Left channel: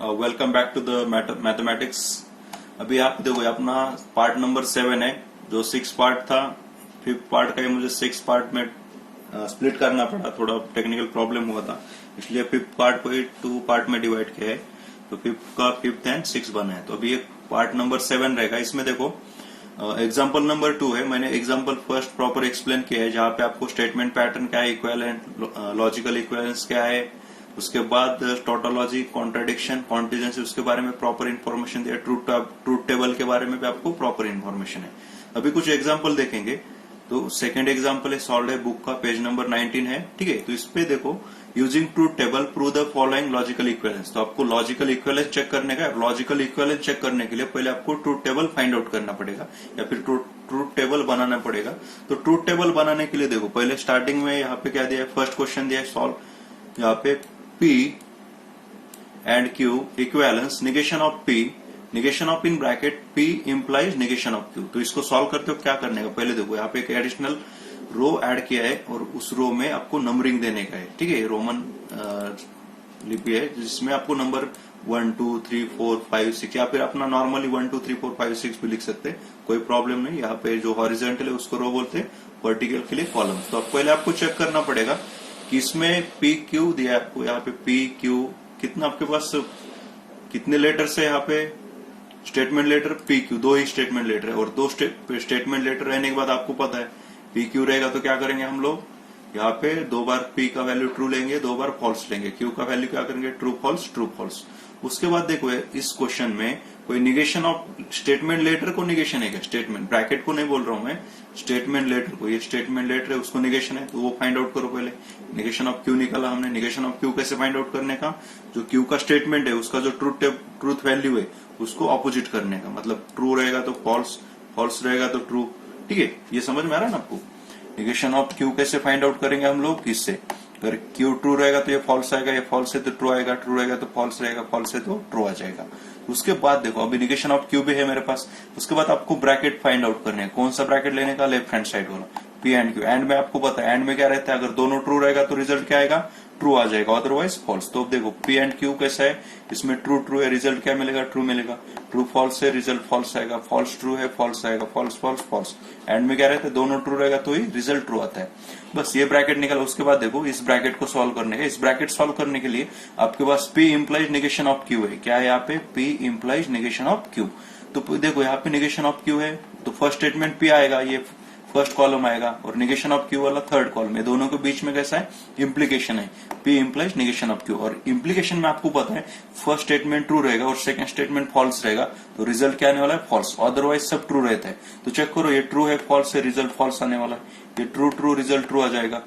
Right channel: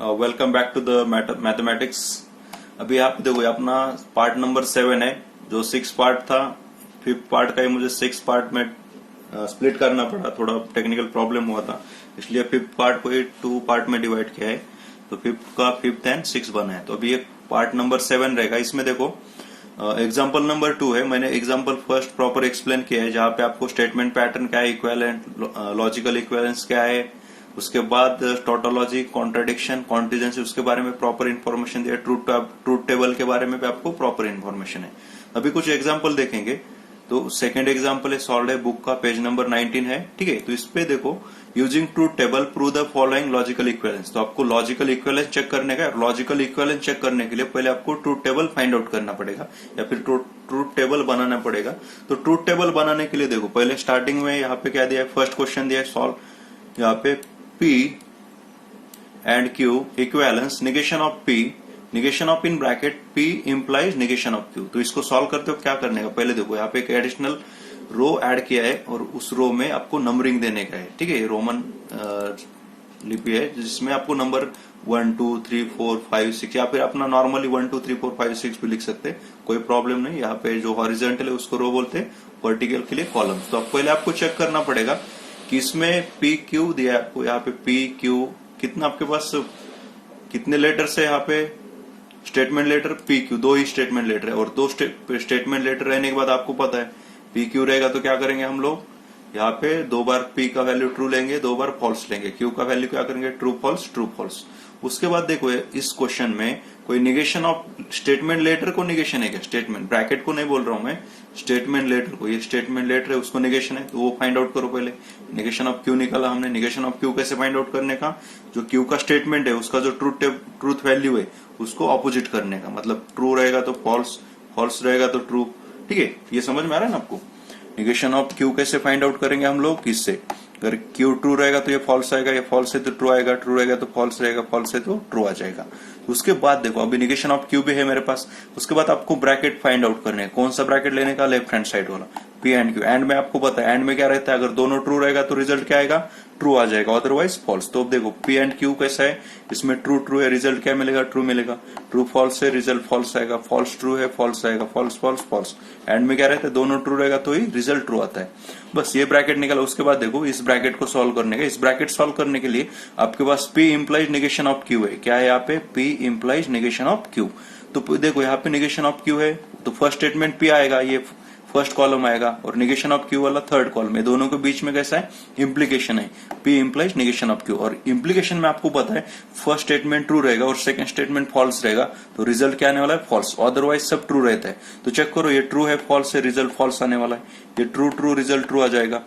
Welcome back to the mathematics. अभी आप देखो अपना पार्ट नंबर 7 है। जो 6 पार्ट था, 5th पार्ट का ही मुझे 6 पार्ट में स्प्लिट करना पड़ा, थोड़ा टेक्निकल प्रॉब्लम हुआ था, इसलिए 5th पार्ट को ही 2 पार्ट में डिवाइड किया है। तो 5th का 5th एंड 6 बना है। तो अभी एक पार्ट नंबर 7 रहेगा। इसमें देखो एग्जाम्पल नंबर 2 है। मैंने एग्जाम्पल फर्स्ट प्रॉपर एक्सप्लेन किया है, जहां पे आपको स्टेटमेंट पैटर्न क्या है, इक्विवेलेंट, लॉजिकल इक्विवेलेंस क्या है, उसके बाद टोटोलॉजी, कॉन्ट्राडिक्शन, कॉन्टिजेंसी, उसके बारे में प्रॉपर इन्फॉर्मेशन दिया। ट्रूथ टेबल के बारे में भी आपको प्रॉपर इन्फॉर्मेशन है। अभी कुछ एग्जाम्पल देखेंगे। तो सेकेंड एग्जाम्पल है, सॉल्व है बुक का, पेज नंबर 19 है। ठीक है, तो इस पे देखो, using truth table prove the following logical equivalence. तो आपको लॉजिकल इक्विवेलेंस चेक करने का है। लॉजिकल इक्विवेलेंस चेक करने के लिए पहले आपको ट्रूथ टेबल फाइंड आउट करना पड़ेगा, या फिर ट्रूथ टेबल बनाना पड़ेगा। तो ट्रूथ टेबल बनाने के लिए देखो, पहले स्टार्टिंग में यहाँ पे क्या दिया है, फर्स्ट क्वेश्चन दिया है सॉल्व। यहाँ पे P and Q equivalence, negation of P, negation of in bracket P implies negation of Q। तो इसको सॉल्व करते हो क्या करने का, पहले देखो यहाँ पे एक एडिशनल रो ऐड किया है और उस रो में आपको नंबरिंग देने का है। ठीक है, रोमन लिपि है जिसमें आपको नंबर 1 2 3 4 5 6, या फिर अपना नॉर्मली 1 2 3 4 5 6 भी लिख सकते हैं, कोई प्रॉब्लम नहीं। यहाँ पे जो हॉरिजॉन्टल है उसको रो बोलते हैं, वर्टिकल के लिए कॉलम। तो पहले आपको चेक करना पड़ेगा कि इसमें पी क्यू दिया है आपको। यहाँ पे पी क्यू कितना आपके पास कितने लेटर्स है, यहाँ पे स्टेटमेंट लेटर पी क्यू, 2 ही स्टेटमेंट लेटर है। और 2 स्टेटमेंट लेटर रहने के बाद आपको पता है पी क्यू रहेगा तो क्या करेंगे हम लोग, यहाँ पे 2 बार पी का वैल्यू ट्रू लेंगे, 2 बार फॉल्स लेंगे। क्यू का वैल्यू क्या करेंगे, ट्रू फॉल्स ट्रू फॉल्स। उसके बाद देखो इस क्वेश्चन में कोई निगेशन ऑफ स्टेटमेंट लेटर को निगेशन है क्या, स्टेटमेंट ब्रैकेट को नहीं बोल रहा हूं मैं, स्टेटमेंट लेटर को, ये स्टेटमेंट लेटर है उसको निगेशन है, तो वो फाइंड आउट करो पहले। निगेशन ऑफ क्यू निकाला हमने। निगेशन ऑफ क्यू कैसे फाइंड आउट करने का, जो क्यू का स्टेटमेंट है उसका जो ट्रूथ वैल्यू है उसको ऑपोजिट करने का, मतलब ट्रू रहेगा तो फॉल्स, फॉल्स रहेगा तो ट्रू। ठीक है, ये समझ में आ रहा है ना आपको। निगेशन ऑफ क्यू कैसे फाइंड आउट करेंगे हम लोग, किससे, अगर क्यू ट्रू रहेगा तो ये फॉल्स आएगा, ये फॉल्स है तो ट्रू आएगा, ट्रू रहेगा तो फॉल्स रहेगा, फॉल्स है तो ट्रू आ जाएगा। उसके बाद देखो अभी निगेशन ऑफ क्यू भी है मेरे पास। उसके बाद आपको ब्रैकेट फाइंड आउट करने हैं। कौन सा ब्रैकेट लेने का, लेफ्ट हैंड साइड वाला, पी एंड क्यू। एंड में आपको पता है एंड में क्या रहता है, अगर दोनों ट्रू रहेगा तो रिजल्ट क्या आएगा, ट्रू आ जाएगा, अदरवाइज फॉल्स। तो देखो पी एंड क्यू कैसा है, इसमें ट्रू ट्रू है, रिजल्ट क्या मिलेगा, ट्रू मिलेगा। ट्रू फॉल्स है, रिजल्ट फॉल्स आएगा। फॉल्स ट्रू है, फॉल्स आएगा। False false false. एंड में क्या रहता है, दोनों ट्रू रहेगा तो ही रिजल्ट ट्रू आता है। बस ये ब्रैकेट निकाला। उसके बाद देखो इस ब्रैकेट को सॉल्व करने का। इस ब्रैकेट सॉल्व करने के लिए आपके पास P implies negation of Q है। क्या है यहाँ पे, P implies negation of Q। तो देखो यहाँ पे निगेशन ऑफ Q है तो फर्स्ट स्टेटमेंट P आएगा, ये फर्स्ट कॉलम आएगा, और निगेशन ऑफ Q वाला थर्ड कॉलम है। दोनों के बीच में कैसा है, इम्प्लीकेशन है, P implies negation of Q। और इम्प्लीकेशन में आपको पता है फर्स्ट स्टेटमेंट ट्रू रहेगा और सेकंड स्टेटमेंट फॉल्स रहेगा, तो रिजल्ट क्या आने वाला है, फॉल्स, अदरवाइज सब ट्रू रहता है। तो चेक करो, ये ट्रू है, फॉल्स है, रिजल्ट फॉल्स आने वाला है। ये ट्रू ट्रू रिजल्ट ट्रू आ जाएगा,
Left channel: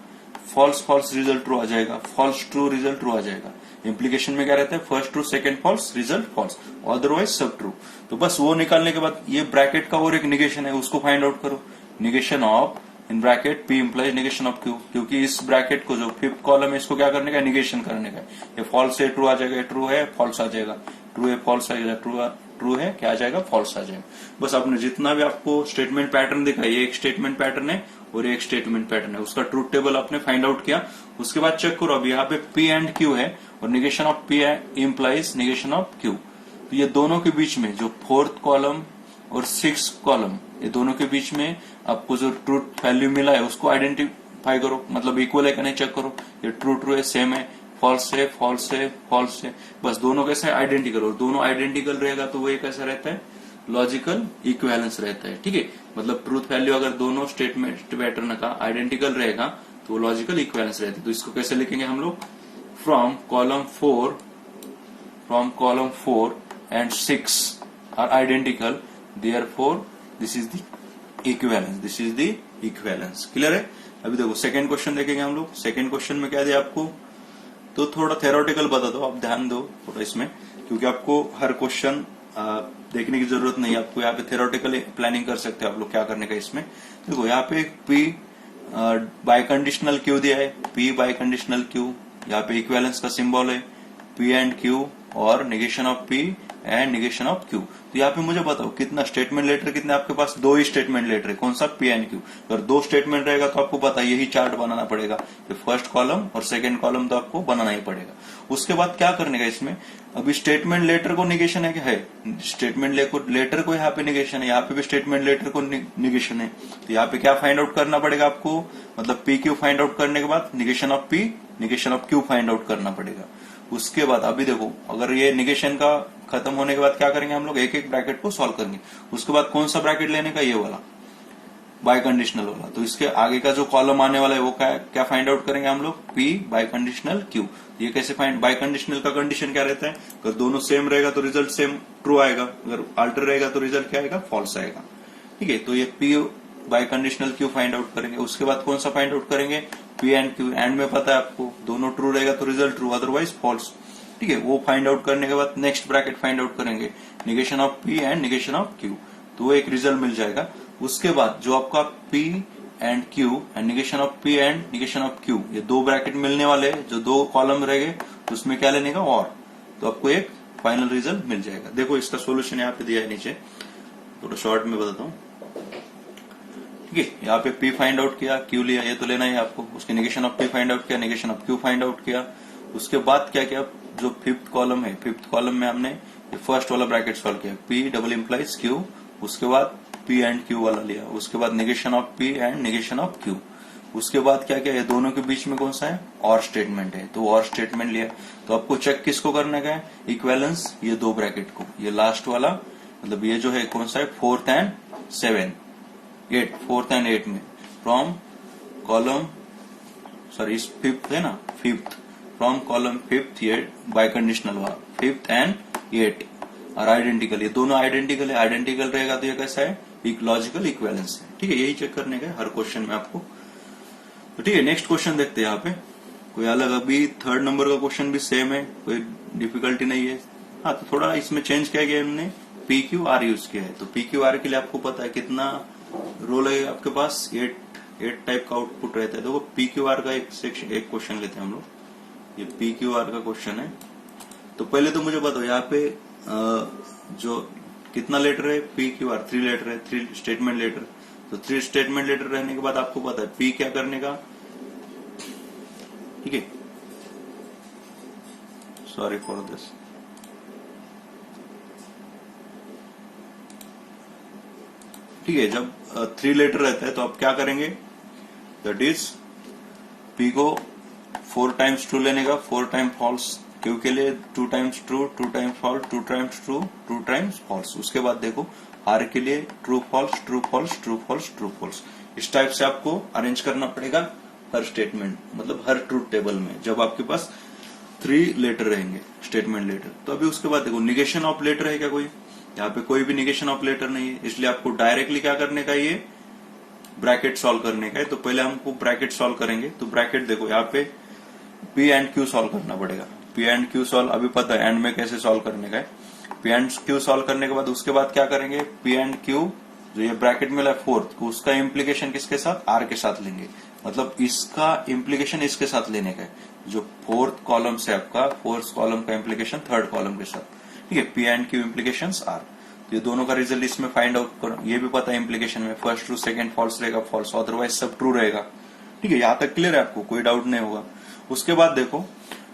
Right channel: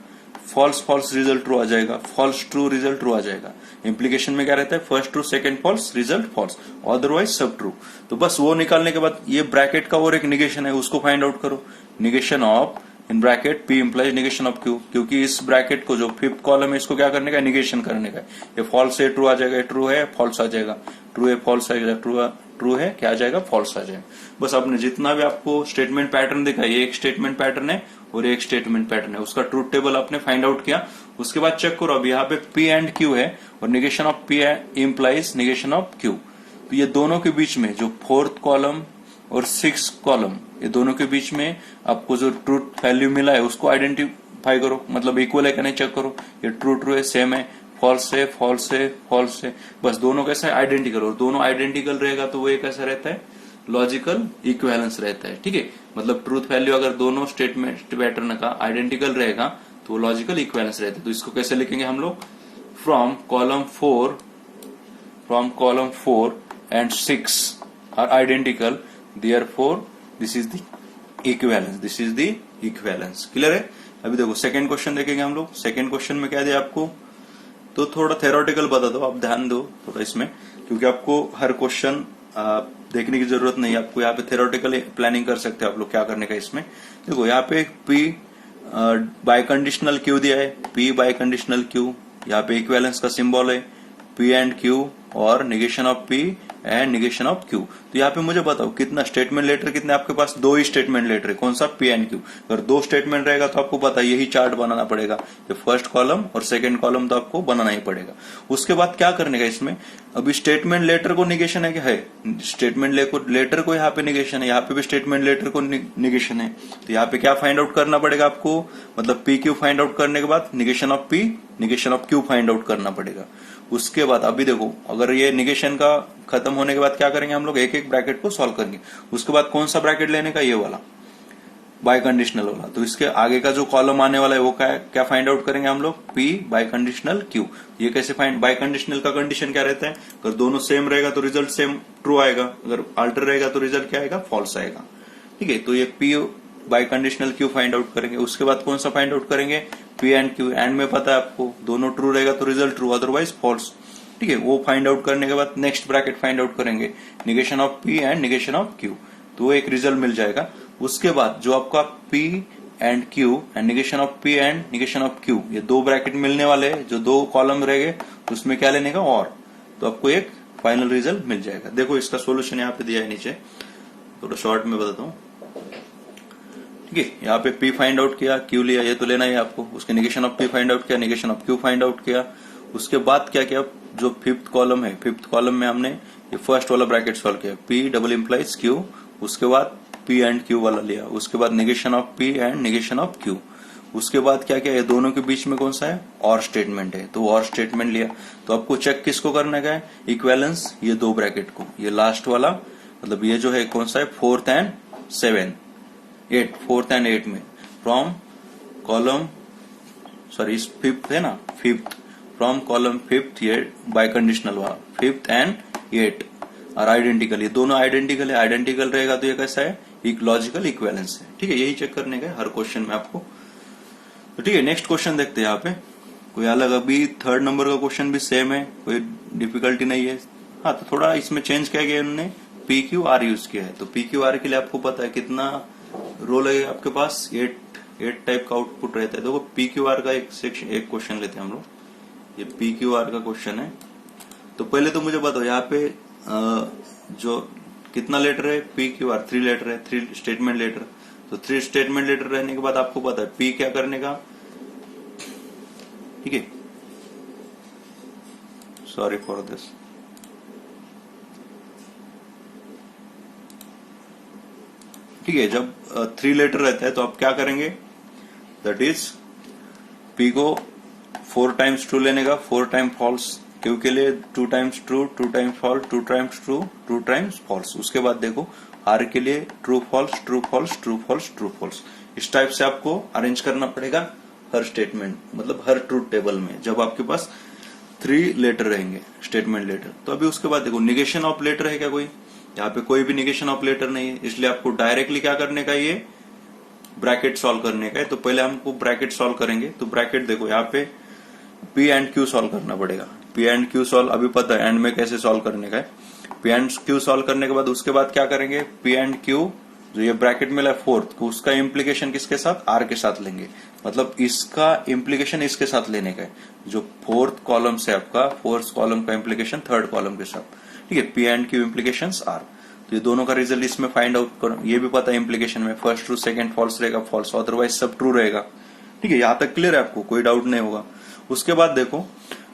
फॉल्स फॉल्स रिजल्ट ट्रू आ जाएगा, फॉल्स ट्रू रिजल्ट ट्रू आ जाएगा। इम्प्लीकेशन में क्या रहता है, first true second false result false, otherwise सब ट्रू। तो बस वो निकालने के बाद ये ब्रैकेट का और एक निगेशन है, उसको फाइंड आउट करो। Negation of in bracket P implies negation of Q, क्योंकि इस ब्रैकेट को जो 5th कॉलम है इसको क्या करने का, निगेशन करने का। ये फॉल्स है, ट्रू आ जाएगा, ट्रू है, फॉल्स आ जाएगा, ट्रू है, फॉल्स आ जाएगा, ट्रू है, क्या आ जाएगा, फॉल्स आ जाएगा। बस आपने जितना भी आपको स्टेटमेंट पैटर्न दिखा, ये एक स्टेटमेंट पैटर्न है और एक स्टेटमेंट पैटर्न है, उसका ट्रूथ टेबल आपने फाइंड आउट किया। उसके बाद चेक करो, अब यहाँ पे P एंड Q है और negation of P implies negation of Q। तो ये दोनों के बीच में जो 4th कॉलम और 6th कॉलम, ये दोनों के बीच में आपको जो ट्रूथ वैल्यू मिला है उसको आइडेंटिफाई करो, मतलब इक्वल है कि नहीं चेक करो। ये ट्रू ट्रू है, सेम है, फॉल्स है, फॉल्स है, फॉल्स है। बस दोनों कैसे है, आइडेंटिकल। और दोनों आइडेंटिकल रहेगा तो वो एक कैसा रहता है, लॉजिकल इक्विवेलेंस रहता है। ठीक है, मतलब ट्रूथ वैल्यू अगर दोनों स्टेटमेंट पैटर्न का आइडेंटिकल रहेगा तो लॉजिकल इक्विवेलेंस रहता है। तो इसको कैसे लिखेंगे हम लोग, from column 4 and 6 are identical, therefore this is the equivalence। Clear है। अभी देखो सेकंड क्वेश्चन देखेंगे हम लोग। सेकंड क्वेश्चन में क्या दिया आपको, तो थोड़ा थेरोटिकल बता दो, आप ध्यान दो थोड़ा इसमें, क्योंकि आपको हर क्वेश्चन देखने की जरूरत नहीं है। आपको यहाँ पे थेरोटिकल प्लानिंग कर सकते हो आप लोग क्या करने का इसमें। देखो यहाँ पे P बाय कंडीशनल Q दिया है, P बाय कंडीशनल Q, यहाँ पे इक्विवेलेंस का सिंबल है, P एंड Q और negation of P and negation of Q। तो यहाँ पे मुझे बताओ कितना स्टेटमेंट लेटर, कितने आपके पास, 2 ही स्टेटमेंट लेटर है, कौन सा, P एंड Q। अगर 2 स्टेटमेंट रहेगा तो आपको पता है यही चार्ट बनाना पड़ेगा, तो फर्स्ट कॉलम और सेकंड कॉलम तो आपको बनाना ही पड़ेगा। उसके बाद क्या करने का इसमें, अभी स्टेटमेंट लेटर को निगेशन है क्या, है स्टेटमेंट लेटर को यहाँ पे निगेशन है, यहाँ पे भी स्टेटमेंट लेटर को निगेशन है। तो यहाँ पे क्या फाइंड आउट करना पड़ेगा आपको, मतलब PQ फाइंड आउट करने के बाद negation of P negation of Q find out करना पड़ेगा। उसके बाद अभी देखो, अगर ये निगेशन का खत्म होने के बाद क्या करेंगे हम लोग, एक एक ब्रैकेट को सॉल्व करेंगे। उसके बाद कौन सा ब्रैकेट लेने का, ये वाला बाय कंडीशनल वाला। तो इसके आगे का जो कॉलम आने वाला है वो क्या फाइंड आउट करेंगे हम लोग, P बाय कंडीशनल Q। ये कैसे फाइंड, बाय कंडीशनल का कंडीशन क्या रहता है, अगर दोनों सेम रहेगा तो रिजल्ट सेम ट्रू आएगा, अगर अल्टर रहेगा तो रिजल्ट क्या आएगा, फॉल्स आएगा। ठीक है, तो ये P bye conditional Q find out करेंगे। उसके बाद कौन सा फाइंड आउट करेंगे, P एंड Q। एंड में पता है आपको दोनों ट्रू रहेगा तो रिजल्ट ट्रू, अदरवाइज फॉल्स। ठीक है, वो फाइंड आउट करने के बाद नेक्स्ट ब्रैकेट फाइंड आउट करेंगे, negation of P and negation of Q, तो एक रिजल्ट मिल जाएगा। उसके बाद जो आपका P and Q and negation of P and negation of Q, ये 2 ब्रैकेट मिलने वाले हैं, जो 2 कॉलम रहेंगे तो उसमें क्या लेने का, और, तो आपको एक फाइनल रिजल्ट मिल जाएगा। देखो इसका सोल्यूशन यहाँ पे दिया है नीचे, थोड़ा शॉर्ट में बताता हूँ। ठीक है, यहाँ पे P फाइंड आउट किया, Q लिया, ये तो लेना ही आपको। उसके negation of P find out किया, negation of Q find out किया। उसके बाद क्या किया, जो 5th कॉलम है, 5th कॉलम में हमने ये फर्स्ट वाला ब्रैकेट सॉल्व किया, P डबल इम्प्लाइज Q। उसके बाद P एंड Q वाला लिया। उसके बाद negation of P and negation of Q। उसके बाद क्या किया, ये दोनों के बीच में कौन सा है, और स्टेटमेंट है, तो और स्टेटमेंट लिया। तो आपको चेक किसको करने का है, इक्विवेलेंस, ये 2 ब्रैकेट को, ये लास्ट वाला, मतलब ये जो है कौन सा है, 4th एंड 7, 8, 4th एंड 8 में फ्रॉम कॉलम, सॉरी 5th है ना, 5th फ्रॉम कॉलम 5th, ये बाय कंडीशनल हुआ, 5th एंड 8 और आइडेंटिकल, ये दोनों आइडेंटिकल है। आइडेंटिकल रहेगा तो ये कैसा है, एक लॉजिकल इक्विवेलेंस है। ठीक है, यही चेक करने का हर क्वेश्चन में आपको। तो ठीक है, नेक्स्ट क्वेश्चन देखते हैं। यहाँ पे कोई अलग, अभी 3rd नंबर का क्वेश्चन भी सेम है, कोई डिफिकल्टी नहीं है। हाँ, तो थोड़ा इसमें चेंज किया गया, हमने PQR यूज किया है। तो PQR के लिए आपको पता है कितना रोल है आपके पास, 8 टाइप का आउटपुट रहता है। देखो PQR का एक क्वेश्चन लेते हैं हम लोग, ये PQR का क्वेश्चन है। तो पहले तो मुझे बताओ यहाँ पे जो कितना लेटर है, PQR 3 लेटर है, 3 स्टेटमेंट लेटर। तो 3 स्टेटमेंट लेटर रहने के बाद आपको पता है P क्या करने का, ठीक है, सॉरी फॉर दिस। ठीक है, जब 3 लेटर रहता है तो आप क्या करेंगे, दैट इज P को 4 टाइम्स ट्रू लेने का, 4 टाइम फॉल्स। Q के लिए 2 times true, 2 times false, 2 times true, 2 times false. उसके बाद देखो R के लिए true false, true false, true false, true false. इस टाइप से आपको अरेंज करना पड़ेगा हर स्टेटमेंट, मतलब हर ट्रूथ टेबल में, जब आपके पास 3 लेटर रहेंगे स्टेटमेंट लेटर। तो अभी उसके बाद देखो निगेशन ऑफ लेटर है क्या कोई, यहाँ पे कोई भी निगेशन ऑफ लेटर नहीं है, इसलिए आपको डायरेक्टली क्या करने का, ये ब्रैकेट सॉल्व करने का है। तो पहले हमको ब्रैकेट सॉल्व करेंगे। तो ब्रैकेट देखो यहाँ पे P एंड Q सॉल्व करना पड़ेगा। P एंड Q सॉल्व अभी पता है एंड में कैसे सॉल्व करने का है। P एंड Q सॉल्व करने के बाद उसके बाद क्या करेंगे, P एंड Q जो ये ब्रैकेट मिला है 4th, उसका इम्प्लीकेशन किसके साथ, R के साथ लेंगे। मतलब इसका इम्प्लीकेशन इसके साथ लेने का है, जो 4th कॉलम से आपका 4th कॉलम का इम्प्लीकेशन 3rd कॉलम के साथ। ठीक है, P and Q implication R। तो ये दोनों का रिजल्ट इसमें फाइंड आउट करो। ये भी पता है इम्प्लीकेशन में फर्स्ट ट्रू, सेकंड फॉल्स रहेगा, फॉल्स, अदरवाइज सब ट्रू रहेगा। ठीक है, यहाँ तक क्लियर है आपको, कोई डाउट नहीं होगा। उसके बाद देखो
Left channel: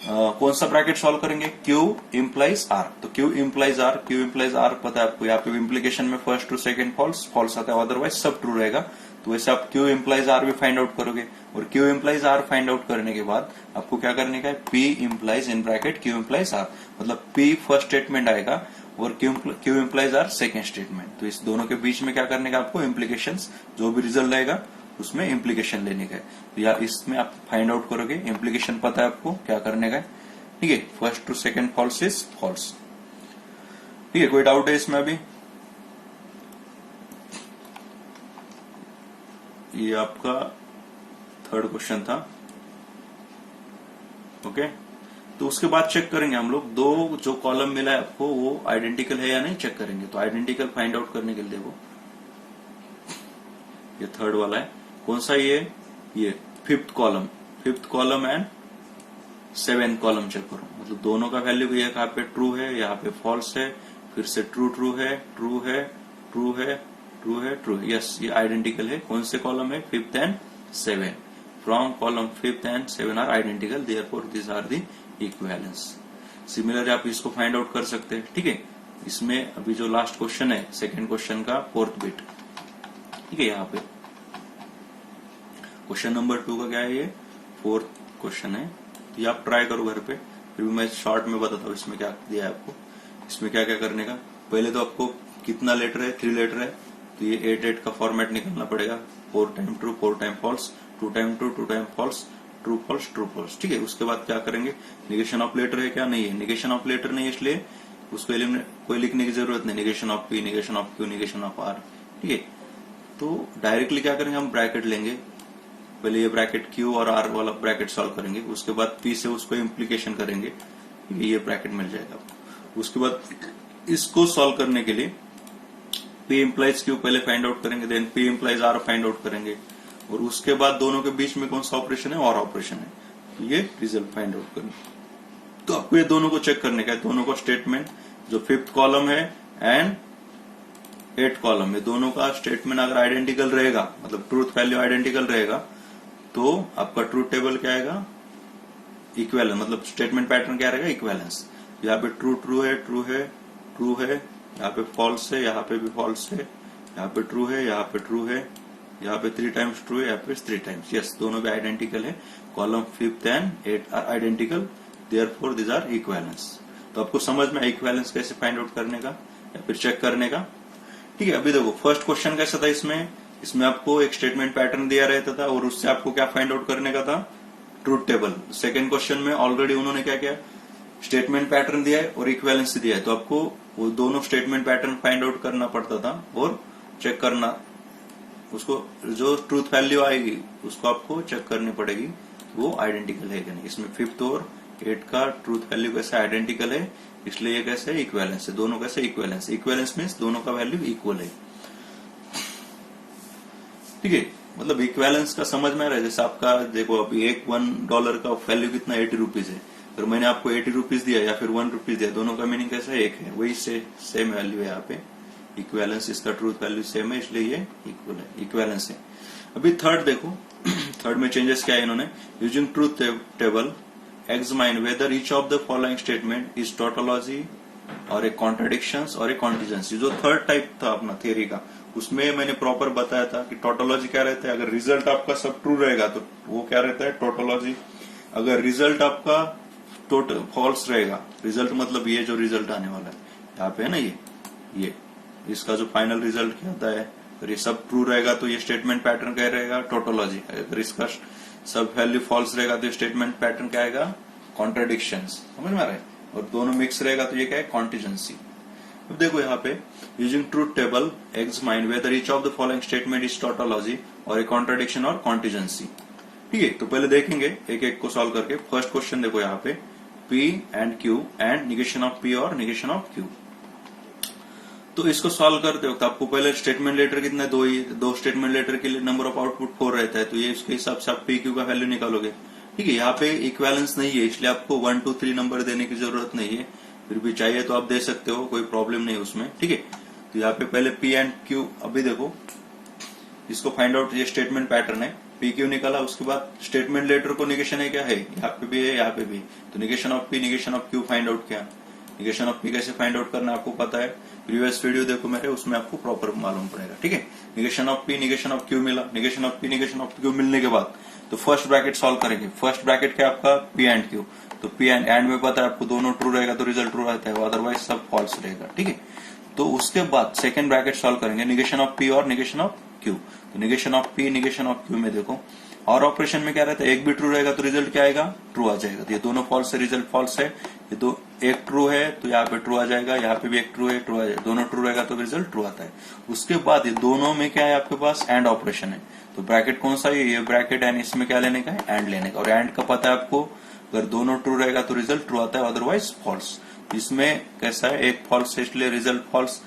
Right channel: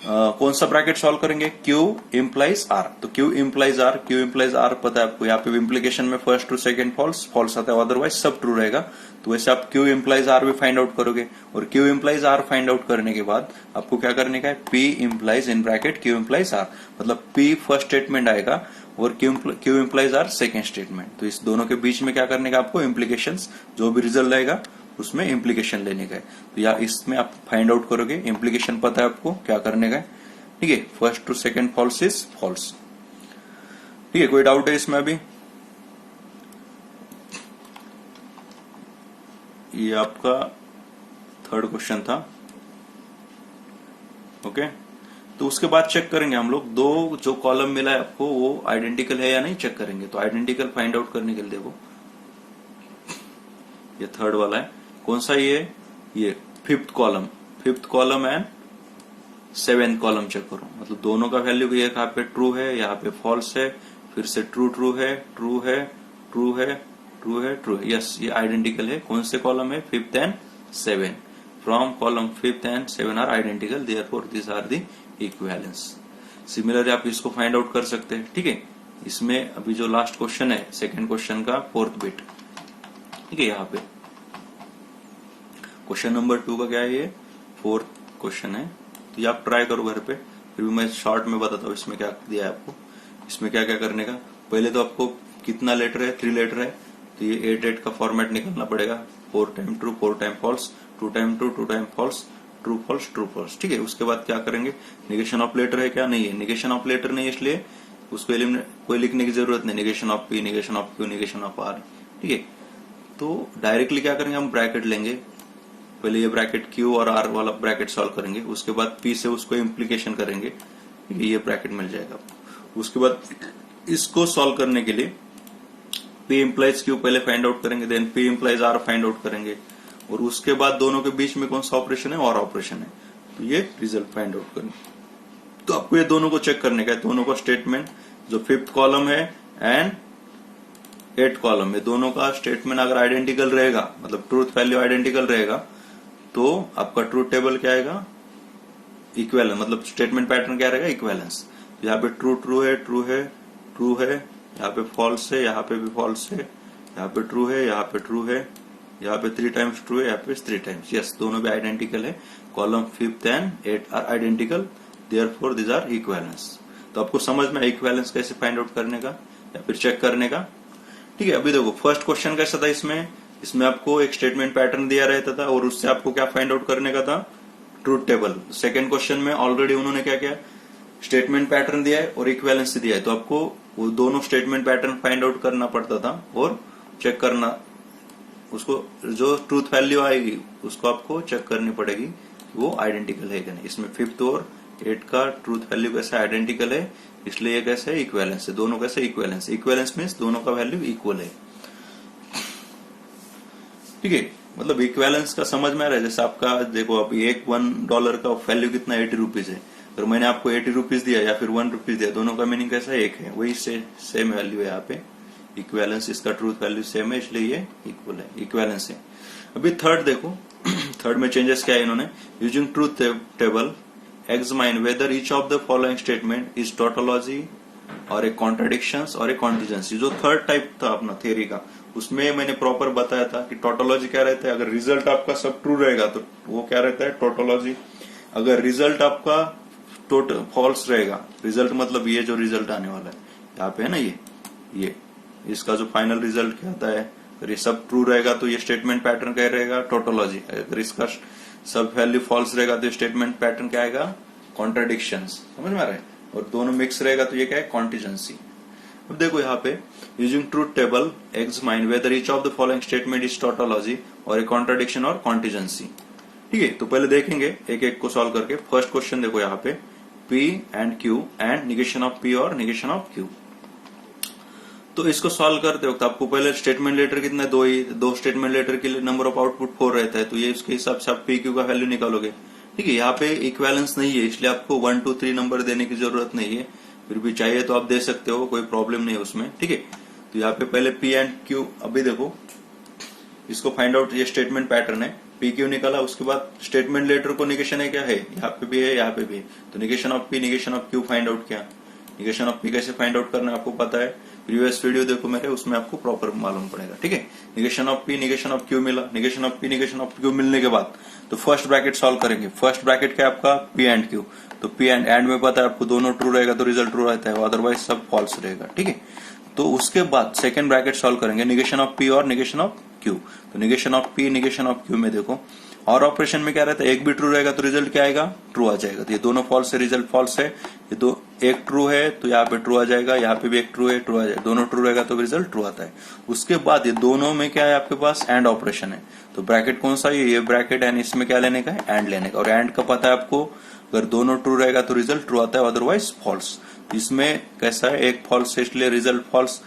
कौन सा ब्रैकेट सॉल्व करेंगे, Q इम्प्लाइज R। तो Q implies R, Q implies R पता है आपको, यहाँ पे इम्प्लीकेशन में first true, second false, false आता है, अदरवाइज सब ट्रू रहेगा। तो वैसे आप Q इम्प्लाइज R भी फाइंड आउट करोगे। और Q implies R find out करने के बाद आपको क्या करने का है, P implies in bracket Q implies R। मतलब P फर्स्ट स्टेटमेंट आएगा और Q implies R second statement. तो इस दोनों के बीच में क्या करने का आपको, इम्प्लीकेशंस, जो भी रिजल्ट आएगा उसमें इम्प्लीकेशन लेने का है। तो या इसमें आप फाइंड आउट करोगे, इम्प्लीकेशन पता है आपको क्या करने का है। ठीक है, first true second false is false. ठीक है, कोई डाउट है इसमें अभी? ये आपका 3rd क्वेश्चन था। ओके, तो उसके बाद चेक करेंगे हम लोग, 2 जो कॉलम मिला है आपको वो आइडेंटिकल है या नहीं चेक करेंगे। तो आइडेंटिकल फाइंड आउट करने के लिए देखो, ये 3rd वाला है, कौन सा ये 5th column, 5th column and 7th column check करो, मतलब दोनों का वैल्यू यहाँ पे ट्रू है, यहाँ पे फॉल्स है, फिर से ट्रू ट्रू है, ट्रू है, ट्रू है, ट्रू है, ट्रू। यस, ये आइडेंटिकल है। कौन से कॉलम है? 5th and 7। From column 5th and 7 are identical, therefore this are the equivalence. Similarly आप इसको फाइंड आउट कर सकते हैं, ठीक है। इसमें अभी जो लास्ट क्वेश्चन है, सेकंड क्वेश्चन का 4th बिट, ठीक है। यहाँ पे क्वेश्चन नंबर 2 का क्या है? ये 4th क्वेश्चन है। तो ये आप ट्राई करो घर पे, फिर भी मैं शॉर्ट में बताता हूँ इसमें क्या दिया है आपको। इसमें क्या क्या करने का, पहले तो आपको कितना लेटर है? 3 लेटर है, तो ये 8 का फॉर्मेट निकलना पड़ेगा। 4 time true, 4 time false, 2 time true, 2 time false, true false, true false, ठीक है। उसके बाद क्या करेंगे? निगेशन ऑफ लेटर है क्या? नहीं है, निगेशन ऑफ लेटर नहीं है, इसलिए उसको कोई लिखने की जरूरत नहीं। Negation of P, negation of Q, negation of R, ठीक है। तो डायरेक्टली क्या करेंगे? हम ब्रैकेट लेंगे, पहले ये ब्रैकेट क्यू और आर वाला ब्रैकेट सॉल्व करेंगे, उसके बाद पी से उसको इम्प्लीकेशन करेंगे, ये ब्रैकेट मिल जाएगा। उसके बाद इसको सॉल्व करने के लिए पी इम्प्लाइज क्यू पहले फाइंड आउट करेंगे, then P implies R find out करेंगे, और उसके बाद दोनों के बीच में कौन सा ऑपरेशन है? और ऑपरेशन है, तो ये रिजल्ट फाइंड आउट करेंगे। तो आपको ये दोनों को चेक करने का है, दोनों का स्टेटमेंट जो 5th कॉलम है एंड 8th कॉलम में, दोनों का स्टेटमेंट अगर आइडेंटिकल रहेगा, मतलब ट्रूथ वैल्यू आइडेंटिकल रहेगा, तो आपका ट्रूथ टेबल क्या आएगा? इक्विवेलेंस, मतलब स्टेटमेंट पैटर्न क्या रहेगा? इक्विवेलेंस। यहाँ पे ट्रू ट्रू है, ट्रू है, ट्रू है, यहाँ पे फॉल्स है, यहाँ पे भी फॉल्स है, यहाँ पे ट्रू है, यहाँ पे ट्रू है, यहाँ पे 3 टाइम्स ट्रू है, यहाँ पे 3 टाइम्स। यस, दोनों भी आइडेंटिकल है। Column 5th and 8 are identical, therefore this are equivalence. तो आपको समझ में इक्विवेलेंस कैसे फाइंड आउट करने का या फिर चेक करने का, ठीक है। अभी देखो फर्स्ट क्वेश्चन कैसा था? इसमें आपको एक स्टेटमेंट पैटर्न दिया रहता था और उससे आपको क्या फाइंड आउट करने का था? Truth table. सेकंड क्वेश्चन में ऑलरेडी उन्होंने क्या किया? स्टेटमेंट पैटर्न दिया है और इक्विवेलेंस दिया है, तो आपको वो दोनों स्टेटमेंट पैटर्न फाइंड आउट करना पड़ता था और चेक करना, उसको जो ट्रूथ वैल्यू आएगी उसको आपको चेक करनी पड़ेगी, वो आइडेंटिकल है कि नहीं। इसमें 5th और 8 का ट्रूथ वैल्यू कैसा आइडेंटिकल है, इसलिए ये कैसे इक्विवेलेंस है, दोनों कैसे इक्विवेलेंस। इक्विवेलेंस मीन्स दोनों का वैल्यू इक्वल है, ठीक है। मतलब इक्विवेलेंस का समझ में आ रहा है। जैसे आपका देखो, अभी एक $1 का वैल्यू कितना? 80 रुपीज है, अगर मैंने आपको 80 रुपीज दिया या फिर 1 रुपीज दिया, दोनों का मीनिंग कैसा है? एक है, वही सेम वैल्यू है यहाँ पे। इक्विवेलेंस, इसका ट्रूथ वैल्यू सेम है, इसलिए ये इक्वल है, इक्विवेलेंस है। अभी थर्ड देखो, थर्ड में चेंजेस क्या है इन्होंने? Using truth table examine whether each of the following statement is tautology और ए कॉन्ट्राडिक्शंस और ए कॉन्टिजेंसी। जो थर्ड टाइप था अपना थ्योरी का, उसमें मैंने प्रॉपर बताया था कि टोटोलॉजी क्या रहता है। अगर रिजल्ट आपका सब ट्रू रहेगा तो वो क्या रहता है? टोटोलॉजी। अगर रिजल्ट आपका टोटल फॉल्स रहेगा, रिजल्ट मतलब ये जो रिजल्ट आने वाला है यहाँ पे है ना, ये इसका जो फाइनल रिजल्ट क्या होता है, अगर ये सब ट्रू रहेगा तो ये स्टेटमेंट पैटर्न क्या रहेगा? टोटोलॉजी। अगर इसका सब वैल्यू फॉल्स रहेगा तो स्टेटमेंट पैटर्न क्या आएगा? कॉन्ट्राडिक्शंस। समझ में आ रहा है? और दोनों मिक्स रहेगा तो ये क्या है? कॉन्टिजेंसी। अब देखो यहाँ पे using truth table examine whether each of the following statement is tautology और ए कॉन्ट्राडिक्शन और कॉन्टिजेंसी, ठीक है। तो पहले देखेंगे एक एक को सॉल्व करके। फर्स्ट क्वेश्चन देखो यहाँ पे, P and Q and negation of P और निगेशन ऑफ Q। तो इसको सॉल्व करते वक्त आपको पहले स्टेटमेंट लेटर कितना? दो स्टेटमेंट लेटर के लिए नंबर ऑफ आउटपुट 4 रहता है, तो ये उसके हिसाब से आप P Q का वैल्यू निकालोगे, ठीक है। यहाँ पे इक्विवेलेंस नहीं है, इसलिए आपको 1 2 3 नंबर देने की जरूरत नहीं है, फिर भी चाहिए तो आप दे सकते हो, कोई प्रॉब्लम नहीं है उसमें, ठीक है। तो यहाँ पे पहले P एंड Q, अभी देखो इसको फाइंड आउट, ये स्टेटमेंट पैटर्न है, P Q निकाला, उसके बाद स्टेटमेंट लेटर को निगेशन है क्या है? यहाँ पे भी है, यहाँ पे भी, तो negation of P negation of Q find out किया। निगेशन ऑफ P कैसे फाइंड आउट करना आपको पता है, प्रीवियस वीडियो देखो मेरे, उसमें आपको प्रॉपर मालूम पड़ेगा, ठीक है। Negation of P negation of Q मिला, negation of P negation of Q मिलने के बाद तो फर्स्ट ब्रैकेट सॉल्व करेंगे। फर्स्ट ब्रैकेट क्या आपका? P एंड Q, तो P एंड में पता है आपको दोनों ट्रू रहेगा तो रिजल्ट ट्रू रहता है, अदरवाइज सब फॉल्स रहेगा, ठीक है। तो उसके बाद सेकंड ब्रैकेट सॉल्व करेंगे, निगेशन ऑफ P और निगेशन ऑफ Q। तो negation of P negation of Q में देखो, और ऑपरेशन में क्या रहता है? एक भी ट्रू रहेगा तो रिजल्ट क्या आएगा? ट्रू आ जाएगा। तो ये दोनों फॉल्स है, रिजल्ट फॉल्स है। ये दो एक ट्रू है तो यहाँ पे ट्रू आ जाएगा, यहाँ पे भी एक ट्रू है, ट्रू आ जाएगा। दोनों ट्रू रहेगा तो रिजल्ट ट्रू आता है। उसके बाद ये दोनों में क्या है आपके पास? एंड ऑपरेशन है। तो ब्रैकेट कौन सा है? ये ब्रैकेट एंड, इसमें क्या लेने का है? एंड लेने का। और एंड का पता है आपको, अगर दोनों ट्रू रहेगा तो रिजल्ट ट्रू आता है, अदरवाइज फॉल्स। इसमें कैसा है? एक फॉल्स है इसलिए रिजल्ट फॉल्स।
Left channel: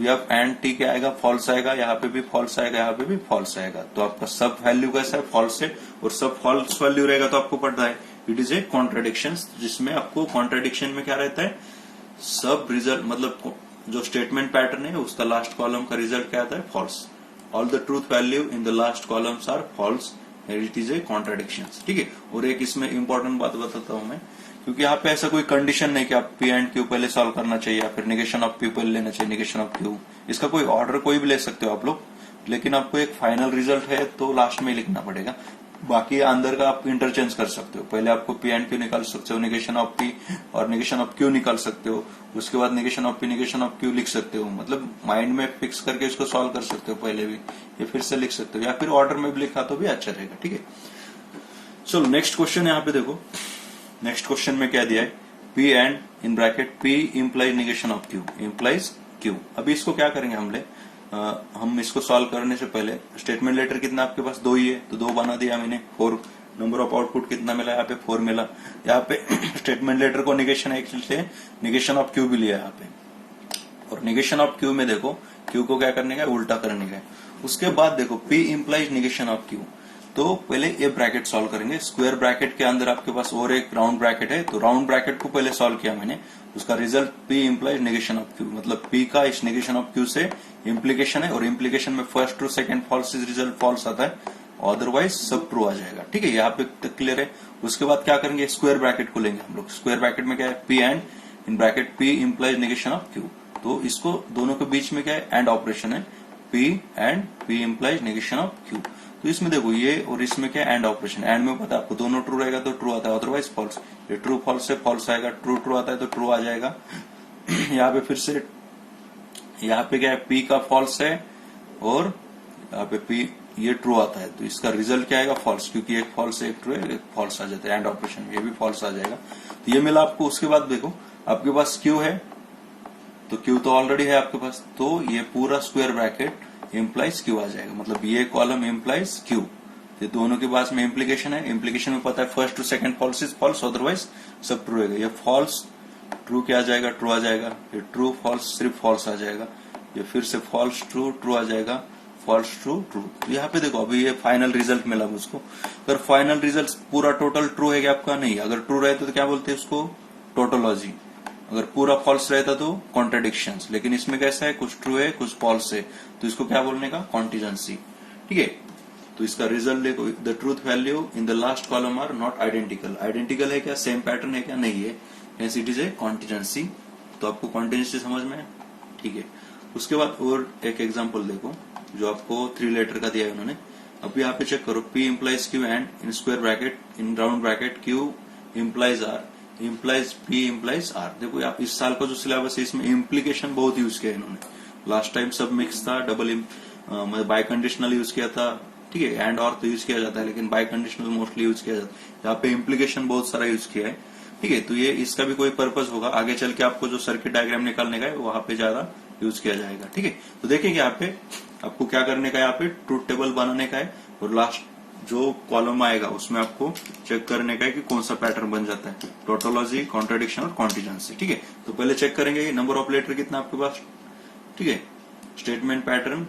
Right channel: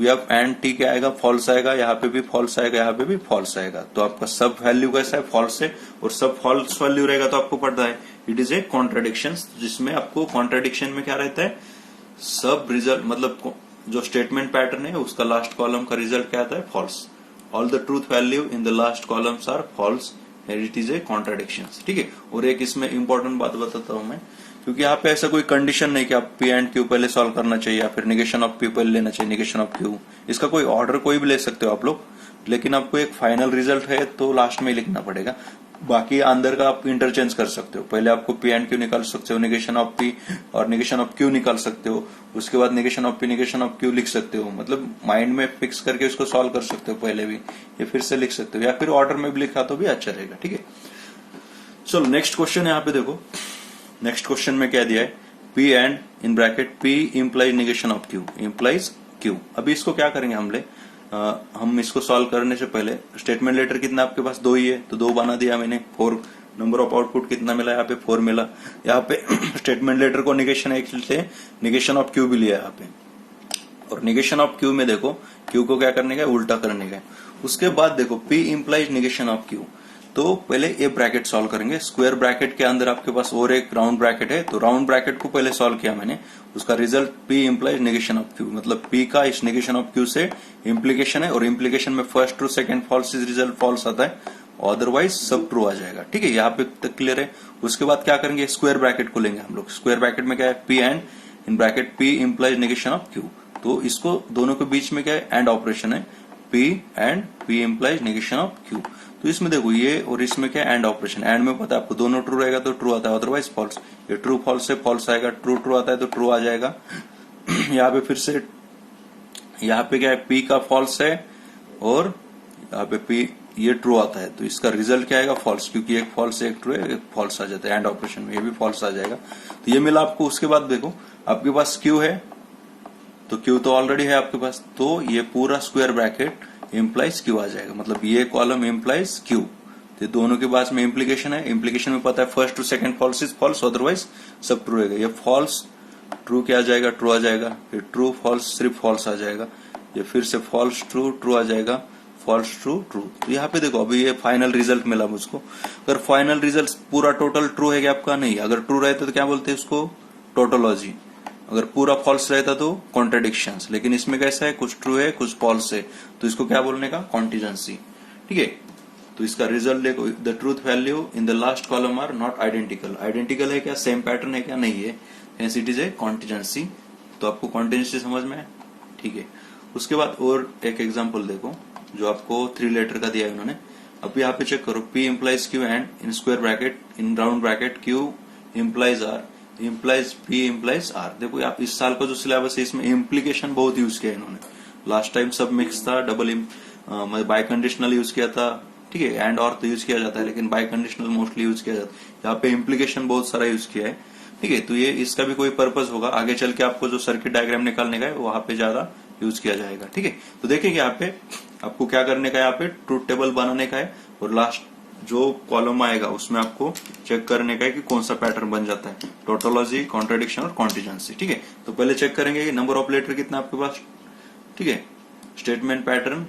एंड टी क्या आएगा? फॉल्स आएगा, यहाँ पे भी फॉल्स आएगा, यहाँ पे भी फॉल्स आएगा। तो आपका सब वैल्यू कैसा है? फॉल्स है। और सब फॉल्स वैल्यू रहेगा तो आपको पता है इट इज ए कॉन्ट्राडिक्शन, जिसमें आपको कॉन्ट्राडिक्शन में क्या रहता है, सब रिजल्ट मतलब जो स्टेटमेंट पैटर्न है उसका लास्ट कॉलम का रिजल्ट क्या आता है, false. All the truth value in the last columns are false and it is a contradiction. ठीक है, और एक इसमें इंपॉर्टेंट बात बताता हूं मैं, क्योंकि यहाँ पे ऐसा कोई कंडीशन नहीं कि आप पी एंड क्यू पहले सॉल्व करना चाहिए या फिर निगेशन ऑफ पी पहले लेना चाहिए, निगेशन ऑफ क्यू। इसका कोई ऑर्डर कोई भी ले सकते हो आप लोग, लेकिन आपको एक फाइनल रिजल्ट है तो लास्ट में लिखना पड़ेगा। बाकी अंदर का आप इंटरचेंज कर सकते हो, पहले आपको पी एंड क्यू निकाल सकते हो, निगेशन ऑफ पी और निगेशन ऑफ क्यू निकाल सकते हो, उसके बाद negation of P negation of Q लिख सकते हो, मतलब माइंड में फिक्स करके उसको सॉल्व कर सकते हो पहले भी, या फिर से लिख सकते हो, या फिर ऑर्डर में भी लिखा तो भी अच्छा रहेगा। ठीक है, चलो नेक्स्ट क्वेश्चन यहाँ पे देखो। नेक्स्ट क्वेश्चन में क्या दिया है, P and in bracket P implies negation of Q implies Q. अभी इसको क्या करेंगे हम इसको सॉल्व करने से पहले स्टेटमेंट लेटर कितना आपके पास, 2 ही है तो 2 बना दिया मैंने। 4 नंबर ऑफ आउटपुट कितना मिला, यहाँ पे 4 मिला। यहाँ पे स्टेटमेंट लेटर को निगेशन निगेशन ऑफ क्यू भी लिया यहाँ पे, और निगेशन ऑफ क्यू में देखो क्यू को क्या करने का, उल्टा करने का। उसके बाद देखो P implies negation of Q, तो पहले ये ब्रैकेट सॉल्व करेंगे। स्क्वायर ब्रैकेट के अंदर आपके पास और एक राउंड ब्रैकेट है, तो राउंड ब्रैकेट को पहले सॉल्व किया मैंने, उसका result P implies negation of Q, मतलब पी का इस निगेशन ऑफ क्यू से इम्प्लीकेशन है, और इम्प्लीकेशन में first true second false is result false आता है, अदरवाइज सब ट्रू आ जाएगा। ठीक है, यहाँ पे तक क्लियर है। उसके बाद क्या करेंगे, स्क्वायर ब्रैकेट को लेंगे हम लोग। स्क्वायर ब्रैकेट में क्या है, P and in bracket P implies negation of Q, तो इसको दोनों के बीच में क्या है, एंड ऑपरेशन है, P and P implies negation of Q. तो इसमें देखो ये और इसमें क्या एंड ऑपरेशन, एंड में पता है आपको दोनों ट्रू रहेगा तो ट्रू आता है, अदरवाइज फॉल्स। ये ट्रू फॉल्स से फॉल्स आएगा, ट्रू ट्रू आता है तो ट्रू आ जाएगा। यहाँ पे फिर से यहाँ पे क्या है, पी का फॉल्स है और यहाँ पे पी ये ट्रू आता है, तो इसका रिजल्ट क्या आएगा, फॉल्स, क्योंकि एक फॉल्स एक ट्रू है, एक फॉल्स आ जाता है एंड ऑपरेशन में, ये भी फॉल्स आ जाएगा। तो ये मिला आपको। उसके बाद देखो आपके पास क्यू है, तो क्यू तो ऑलरेडी है आपके पास, तो ये पूरा स्क्वायर ब्रैकेट इंप्लाइज क्यू आ जाएगा, मतलब ये कॉलम इंप्लाइज क्यू। ये दोनों के पास में इम्प्लीकेशन है, इम्प्लीकेशन में पता है first true second false is false, otherwise सब ट्रू रहेगा। ये फॉल्स ट्रू क्या आ जाएगा, ट्रू आ जाएगा, ये ट्रू फॉल्स सिर्फ फॉल्स आ जाएगा, ये फिर से फॉल्स ट्रू ट्रू आ जाएगा, फॉल्स ट्रू ट्रू। तो यहाँ पे देखो अभी ये फाइनल रिजल्ट मिला मुझको। अगर फाइनल रिजल्ट पूरा टोटल ट्रू है क्या आपका, नहीं, अगर ट्रू रहता तो क्या बोलते हैं इसको, टोटोलॉजी। अगर पूरा फॉल्स रहता तो कॉन्ट्राडिक्शंस, लेकिन इसमें कैसा है, कुछ ट्रू है कुछ फॉल्स है, तो इसको क्या बोलने का, कॉन्टिजेंसी। ठीक है, तो इसका रिजल्ट देखो, the truth value in the last column are not identical. Identical है क्या, सेम पैटर्न है क्या, नहीं है, hence it is a contingency. तो आपको कॉन्टिजेंसी समझ में है। ठीक है, उसके बाद और एक एग्जाम्पल देखो जो आपको 3 लेटर का दिया है उन्होंने। अब यहाँ पे चेक करो, P implies Q and in square bracket in round bracket Q implies R implies P implies R. देखो आप इस साल का जो सिलेबस है इसमें इम्प्लीकेशन बहुत यूज किया इन्होंने। लास्ट टाइम सब मिक्स था, डबल बाय कंडीशनल यूज किया था। ठीक है, एंड और तो यूज किया जाता है, लेकिन बाय कंडीशनल मोस्टली यूज किया जाता है। यहाँ पे इम्प्लीकेशन बहुत सारा यूज किया है। ठीक है, तो ये इसका भी कोई पर्पज होगा आगे चल के, आपको जो सर्किट डायग्राम निकालने का है वहां पे ज्यादा यूज किया जाएगा। ठीक है, तो देखिए यहाँ पे आपको क्या करने का है, यहाँ पे ट्रूथ टेबल बनाने का है, और लास्ट जो कॉलम आएगा उसमें आपको चेक करने का है कि कौन सा पैटर्न बन जाता है, टोटोलॉजी, कॉन्ट्राडिक्शन और कॉन्टिजेंसी। ठीक है, तो पहले चेक करेंगे कि नंबर ऑफ लेटर कितना आपके पास। ठीक है, स्टेटमेंट पैटर्न,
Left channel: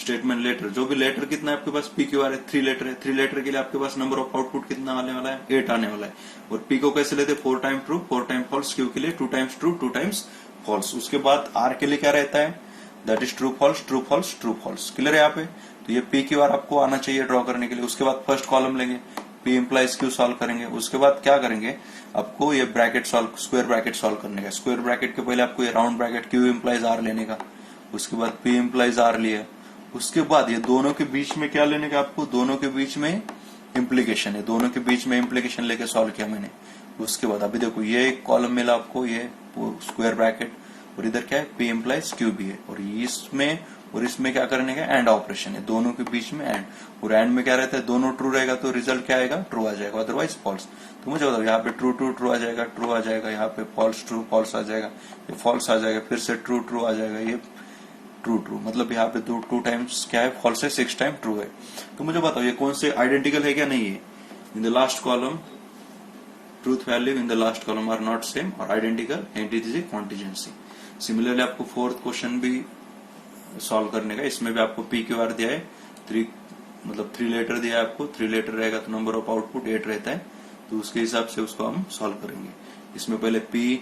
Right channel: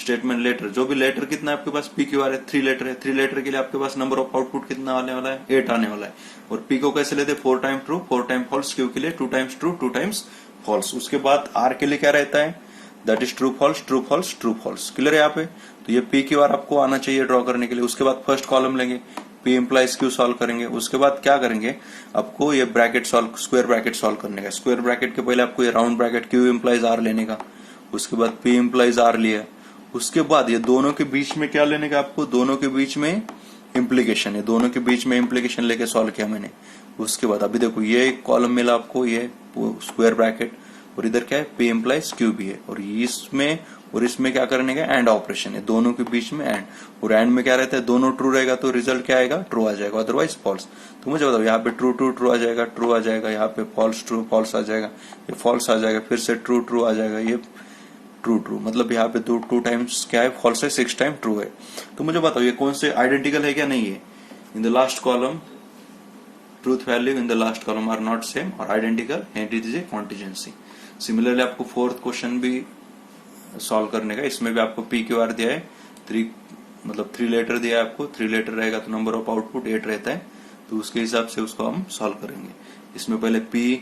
स्टेटमेंट लेटर, जो भी लेटर कितना आपके पास, पी क्यू आर है, 3 लेटर है, 3 लेटर के लिए आपके पास नंबर ऑफ आउटपुट कितना आने वाला है, 8 आने वाला है। और पी को कैसे लेते, 4 time true 4 time false, Q के लिए 2 टाइम्स ट्रू 2 टाइम्स फॉल्स। उसके बाद आर के लिए क्या रहता है, that is true false true false true false. Clear है यहाँ पे, तो ये पी क्यू आर आपको आना चाहिए ड्रॉ करने के लिए। उसके बाद फर्स्ट कॉलम लेंगे, पी इंप्लाइज क्यू सॉल्व करेंगे। उसके बाद क्या करेंगे, आपको ये bracket solve, square bracket solve करने का। स्क्वायर ब्रैकेट के पहले आपको ये round bracket Q implies R लेने का, उसके बाद पी इंप्लाइज आर लिया। उसके बाद ये दोनों के बीच में क्या लेने का, आपको दोनों के बीच में इम्प्लीकेशन है, दोनों के बीच में इम्प्लीकेशन लेके सॉल्व किया मैंने। उसके बाद अभी देखो ये एक कॉलम मिला आपको, ये स्क्वायर ब्रैकेट, और इधर क्या है, पी इंप्लाइज क्यू भी है, और इसमें क्या करने का, एंड ऑपरेशन है, दोनों के बीच में एंड। और एंड में क्या रहता है, दोनों ट्रू रहेगा तो रिजल्ट क्या आएगा, ट्रू आ जाएगा, अदरवाइज फॉल्स। तो मुझे बताओ, यहाँ पे ट्रू ट्रू ट्रू आ जाएगा, ट्रू आ जाएगा, यहाँ पे फॉल्स ट्रू फॉल्स आ जाएगा, ये फॉल्स आ जाएगा, फिर से ट्रू ट्रू आ जाएगा, ये ट्रू ट्रू, मतलब यहाँ पे 2 टाइम्स क्या है, फॉल्स है, 6 टाइम ट्रू है। तो मुझे बताओ ये कौन से आइडेंटिकल है क्या, नहीं है। In the last column truth value in the last column are not same और identical, and it is a contingency. Similarly आपको 4th क्वेश्चन भी सॉल्व करने का, इसमें भी आपको पी क्यू आर दिया है, 3 लेटर दिया है आपको, 3 लेटर रहेगा तो नंबर ऑफ आउटपुट 8 रहता है। तो उसके हिसाब से उसको हम सॉल्व करेंगे। इसमें पहले पी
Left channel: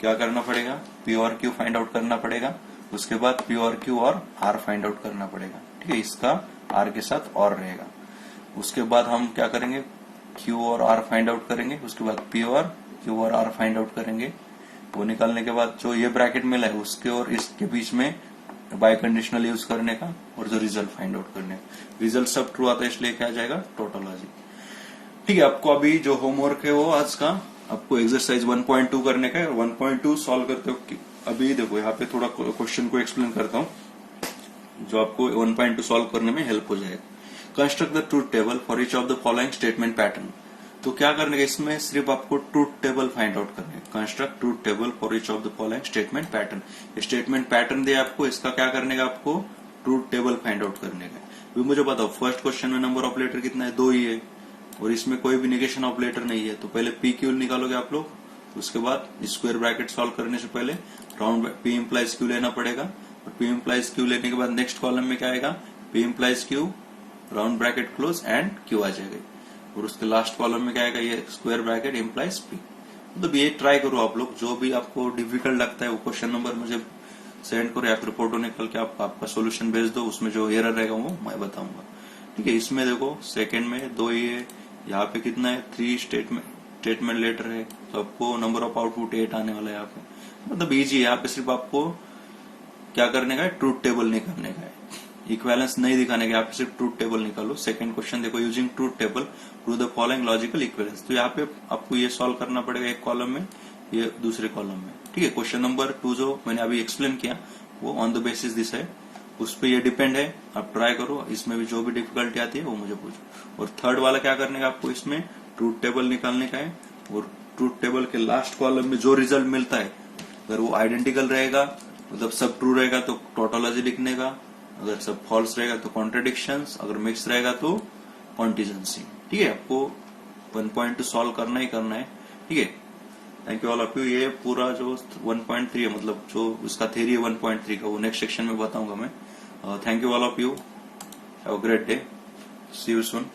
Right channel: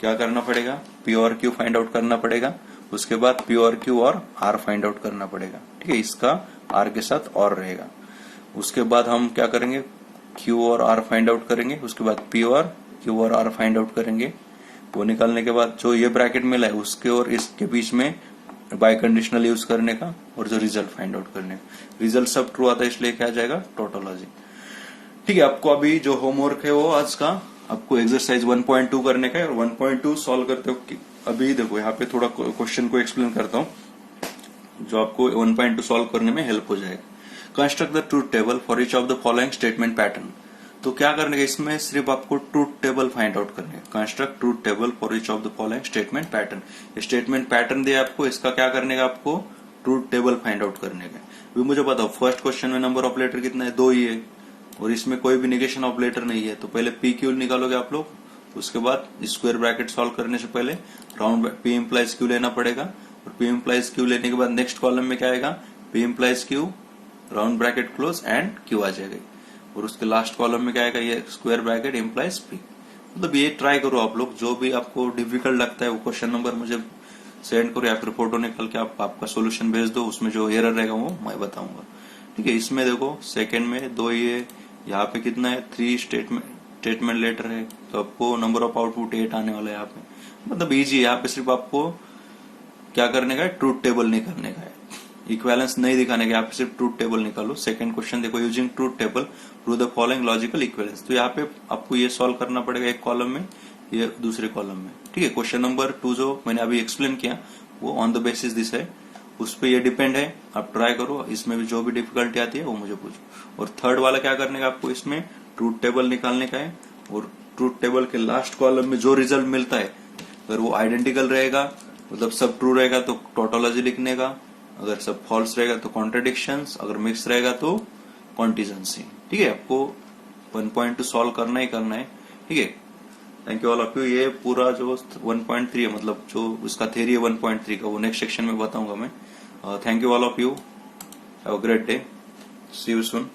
क्या करना पड़ेगा, पी और क्यू फाइंड आउट करना पड़ेगा, उसके बाद पी और क्यू और आर फाइंड आउट करना पड़ेगा। ठीक है, इसका आर के साथ और रहेगा। उसके बाद हम क्या करेंगे, क्यू और आर फाइंड आउट करेंगे, उसके बाद पी और क्यू और आर फाइंड आउट करेंगे। वो निकालने के बाद जो ये ब्रैकेट मिला है उसके और इसके बीच में बाय कंडीशनल यूज करने का और जो रिजल्ट फाइंड आउट करने का। रिजल्ट सब ट्रू आता है इसलिए क्या आ जाएगा, टोटोलॉजी। ठीक है, आपको अभी जो होमवर्क है वो आज का आपको एक्सरसाइज 1.2 करने का है और 1.2 सॉल्व करते हो। अभी देखो यहाँ पे थोड़ा क्वेश्चन को एक्सप्लेन करता हूँ जो आपको 1.2 सॉल्व करने में हेल्प हो जाएगा। Construct the truth table for each of the following statement pattern. तो क्या करने का, इसमें सिर्फ आपको ट्रूथ टेबल फाइंड आउट करनी है। Construct truth table for each of the following statement pattern. Statement pattern दिया आपको, इसका क्या करने का, आपको ट्रूथ टेबल फाइंड आउट करने का। अभी मुझे बताओ फर्स्ट क्वेश्चन में नंबर ऑफ लेटर कितना है, 2 ही है और इसमें कोई भी निगेशन ऑफ लेटर नहीं है। तो पहले पी क्यू निकालोगे आप लोग, उसके बाद स्क्वायर ब्रैकेट सॉल्व करने से पहले राउंड पी इम्प्लाइज क्यू लेना पड़ेगा और पी इम्प्लाइज क्यू लेने के बाद नेक्स्ट कॉलम में क्या आएगा, P implies Q round bracket close and Q आ जाएगा और उसके लास्ट कॉलम में क्या आएगा, ये स्क्वायर ब्रैकेट इम्प्लाइज पी। मतलब ये ट्राई करो आप लोग, जो भी आपको डिफिकल्ट लगता है वो क्वेश्चन नंबर मुझे सेंड करो या फिर फोटो निकल के आपका सोल्यूशन भेज दो, उसमें जो एरर रहेगा वो मैं बताऊंगा। ठीक है, इसमें देखो सेकंड में 2 ही है, यहाँ पे कितना है 3 स्टेटमेंट लेटर है, तो आपको नंबर ऑफ आउटपुट 8 आने वाला है यहाँ पे। मतलब इजी है, यहाँ पे सिर्फ आपको क्या करने का है, ट्रूथ टेबल नहीं करने का है, इक्विवेलेंस नहीं दिखाने का, यहाँ पे सिर्फ ट्रूथ टेबल निकालो। सेकंड क्वेश्चन देखो, using truth table prove the following logical equivalence. तो यहाँ पे आपको ये सॉल्व करना पड़ेगा एक कॉलम में, ये दूसरे कॉलम में। ठीक है, क्वेश्चन नंबर 2 जो मैंने अभी एक्सप्लेन किया वो ऑन द बेसिस दिस है, उस पर ये डिपेंड है, आप ट्राई करो। इसमें भी जो भी डिफिकल्टी आती है वो मुझे पूछो। और थर्ड वाला क्या करने का, आपको इसमें ट्रूथ टेबल निकालने का है और ट्रूथ टेबल के लास्ट कॉलम में जो रिजल्ट मिलता है अगर वो आइडेंटिकल रहेगा, मतलब सब ट्रू रहेगा तो टोटोलॉजी लिखने का, अगर सब फॉल्स रहेगा तो कॉन्ट्रडिक्शंस, अगर मिक्स रहेगा तो कॉन्टिजेंसी। ठीक है, आपको 1.2 सॉल्व करना ही करना है। ठीक है, thank you all of you. ये पूरा जो 1.3 है, मतलब जो उसका थ्योरी है 1.3 का, वो नेक्स्ट सेक्शन में बताऊंगा मैं। Thank you all of you, have a great day, see you soon.